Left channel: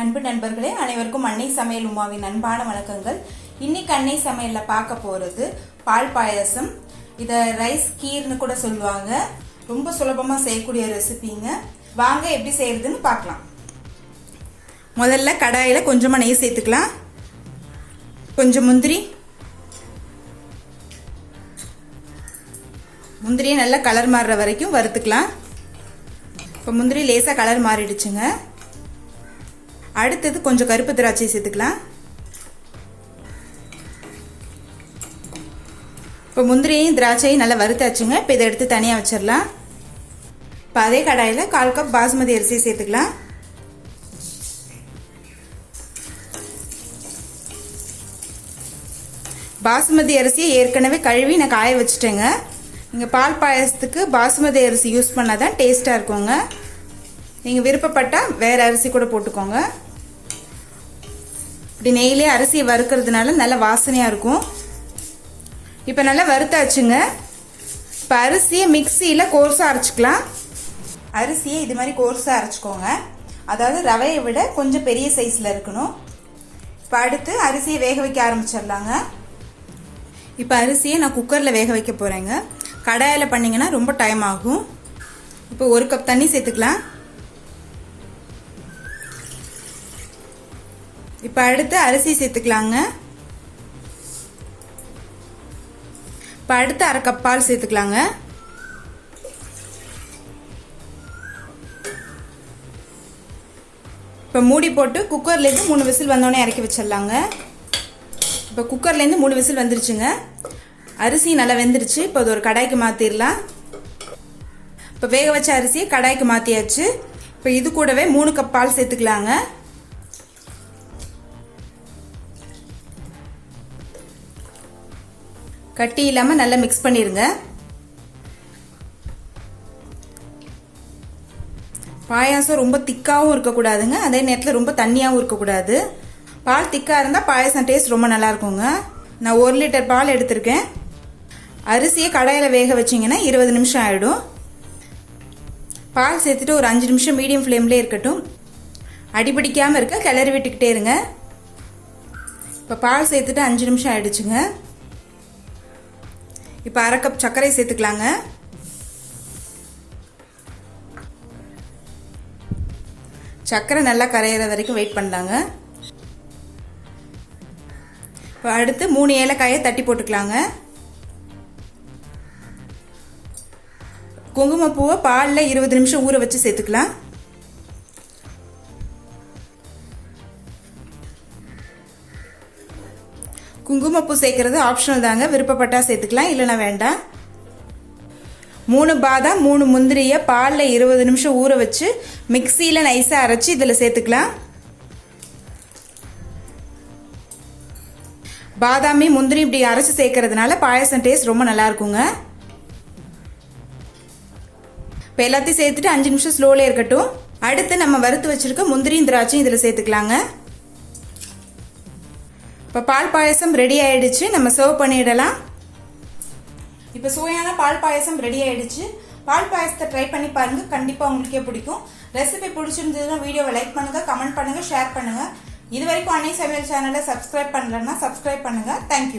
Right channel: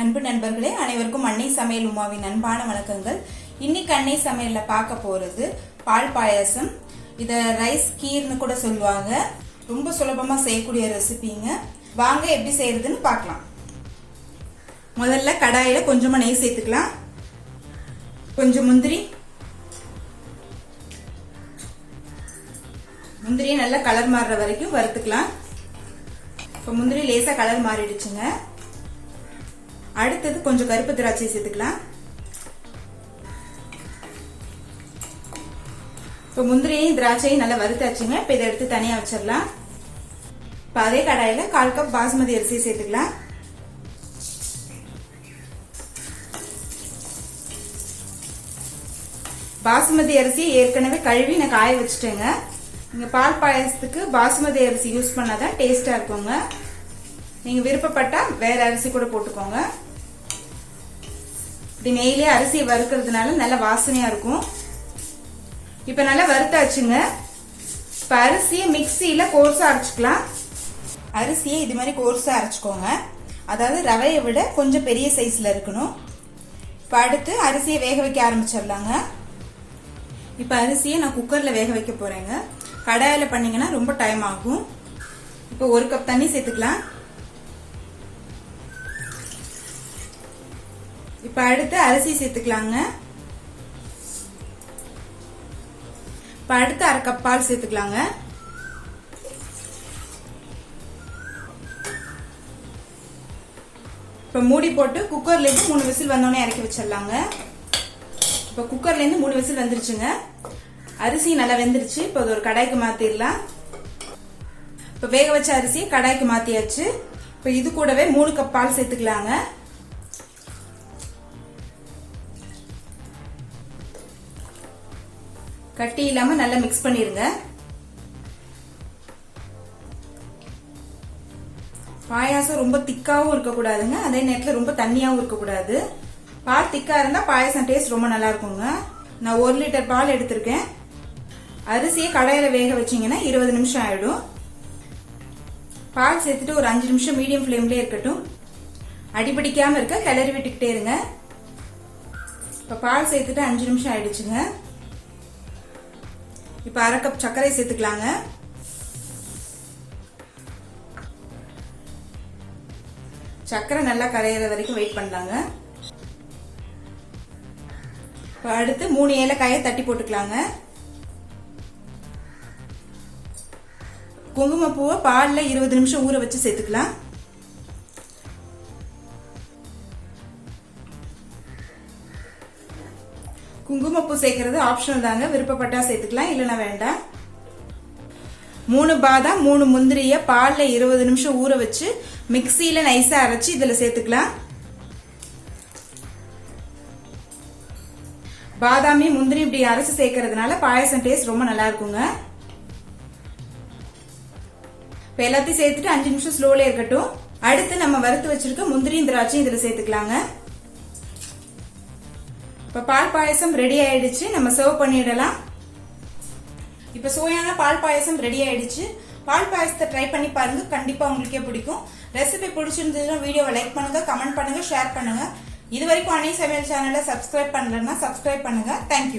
அன்பு நண்பர்களே, அனைவருக்கும் அன்னை சமையல் உமாவின் அன்பான வணக்கங்கள். இன்னைக்கு அன்னை சமையல்ல பார்க்க போறது பால் பாயாசம். இத ரைஸ் கீர்னு கூட சொல்லுவாங்க. ரொம்ப சுலபமா செய்யக்கூடிய ரெசிபிங்க. வாங்க எப்படி செய்யறதுன்னு பார்க்கலாம். முதல்ல கடாயில கொஞ்சமா நெய் சேர்த்துக்கலாம். கொஞ்சம் முந்திரியை நல்லா கலர் மாறுற வரைக்கும் வறுத்துக்கலாம். இப்போ முந்திரி லேசா கலர் மாறிடுச்சுங்க. அடுத்தது கொஞ்சம் கருப்பு திராட்சை சேர்த்துக்கலாம். இப்போ முந்திரியும் திராட்சையும் நல்லா வறுத்தாச்சுங்க. இப்போ இதை எடுத்து தனியா வச்சிடலாம். இப்போ அதே கடாயில 1/4 கப் பாசுமதி அரிசியை சேர்த்துக்கலாம். பாசுமதி அரிசியை ஏற்கனவே கழுவி நான் காய வச்சுட்டேங்க. நீங்க பால் பாயாசத்துக்கு பாசுமதி அரிசி யூஸ் பண்ணாதான் டேஸ்டா இருக்குங்க. நீங்க விருப்பப்பட்டா வேற அரிசி கூட போட்டுக்கோங்க. இப்படி நெய்யிலே அரிசியை வறுக்கிறதுனால நல்ல வாசனையா இருக்கும். இப்ப நல்லா வறுத்தாச்சுங்க. இப்ப அரிசியை மிக்சியில கோர்ஸா அரைச்சுக்கலாம். அரிசியை இது மாதிரி கோர்ஸா அரைச்சுக்கோங்க. அதாவது ரவையை விட கொஞ்சம் பெரிய சைஸ்ல இருக்கணும். இப்ப அடுத்து அரிசியை வேக வைக்க ஆரம்பிச்சிடலாங்க. இப்ப அரிசியை நான் குக்கர்ல வேக வைக்க போறேங்க. கடாயில பண்ணீங்கன்னா ரொம்ப டைம் ஆகும். இப்போ 1 கப் தண்ணி சேர்த்துக்கலாம். இப்ப அடுத்து அரிசி சேர்த்துக்கலாங்க. இப்ப அடுத்து 1/2 கப் பால் சேர்த்துக்கலாங்க. இப்ப மூடி போட்டு குக்கர்ல இருந்து 3 விசில் வந்தோடனே இறக்கி வச்சிடலாங்க. இப்ப குக்கர்ல இருந்து 3 விசில் வந்துருச்சுங்க. அரிசி நல்லா வெந்துருச்சு. இப்ப ஒரு கடாய்க்கு மாத்திரலாம். இப்ப வேக வச்ச அரிசியை கடாய்க்கு மாத்தியாச்சு. இப்ப இது கூடவே 3 கப் பால் சேர்த்துக்கலாங்க. கட்டி இல்லாம நல்லா மிக்ஸ் பண்ணிருங்க. பாயாசம் ரொம்ப திக்காவும் இருக்கக்கூடாதுங்க. அதே நேரத்தில் ரொம்ப தண்ணியாவும் இருக்கக்கூடாது. பால் திக்கா இருந்தா பாயாசம் டேஸ்ட் ரொம்ப நல்லா இருக்குங்க. நான் 1 லிட்டர் பால் எடுத்திருக்கேன். அரிசியை கடாயில வேக வச்சீங்கன்னா 20 நிமிஷம் ஆயிடும். பால் சேர்த்துட்டு ஒரு 5 நிமிஷம் மீடியம் ஃப்ளேம்ல இருக்கட்டும். அடிபிடிக்காம இருக்க கிளறி விட்டுக்கிட்டே இருங்க. இப்ப பால் சேர்த்துட்டு 5 நிமிஷம் ஆயிடுச்சுங்க. இப்ப 1/2 கப் சர்க்கரை சேர்த்துக்கலாங்க. சர்க்கரை நல்லா கரையிற வரைக்கும் வெயிட் பண்ணலாங்க. இப்ப அடுத்து 3 ஏலக்காயை தட்டி போட்டுக்கலாங்க. குங்குமப்பூவை பால்ல 20 நிமிஷம் ஊற வச்சு சேர்த்துக்கலாம். குங்குமப்பூ சேர்க்கறது ஆப்ஷனல் தாங்க. விருப்பப்பட்டா சேர்த்துக்கலாம், இல்லைன்னா வேண்டாம். 3 பாதாம் 3 முந்திரிய பால்ல 20 நிமிஷம் ஊற வச்சு மிக்சியில நைஸா அரைச்சு இதுல சேர்த்துக்கலாம். பாதாமி முந்திரி இப்படி அரைச்சு சேர்க்கறதுனால பாயாசம் டேஸ்ட் ரொம்ப நல்லா இருக்குங்க. இப்ப எல்லாத்தையும் சேர்த்துட்டு 5 நிமிஷம் ஸ்லோல இருக்கட்டும். அடுத்து நம்ம வறுத்து வச்சிருக்க முந்திரியும் திராட்சையும் இதுல சேர்த்துக்கலாங்க. இப்ப பால் பாயாசம் ரெடி ஆயிடுச்சு. நம்ம சர்வ் பண்ணிடலாம். இப்ப சுவையான பால் பாயாசம் ரெடி ஆயிடுச்சு. பால் பாயாசத்தை ட்ரை பண்ணி பாருங்க. கண்டிப்பா உங்களுக்கே பிடிக்கும். ரெசிபி பிடிச்சிருந்ததுன்னா வீடியோவை லைக் பண்ணுங்க, கமெண்ட் பண்ணுங்க, ஷேர் பண்ணுங்க. இது வரைக்கும் அன்னை சமையல் சேனலை சப்ஸ்கிரைப் பண்ணலன்னா சப்ஸ்கிரைப் பண்ணுங்க. தேங்க்யூ.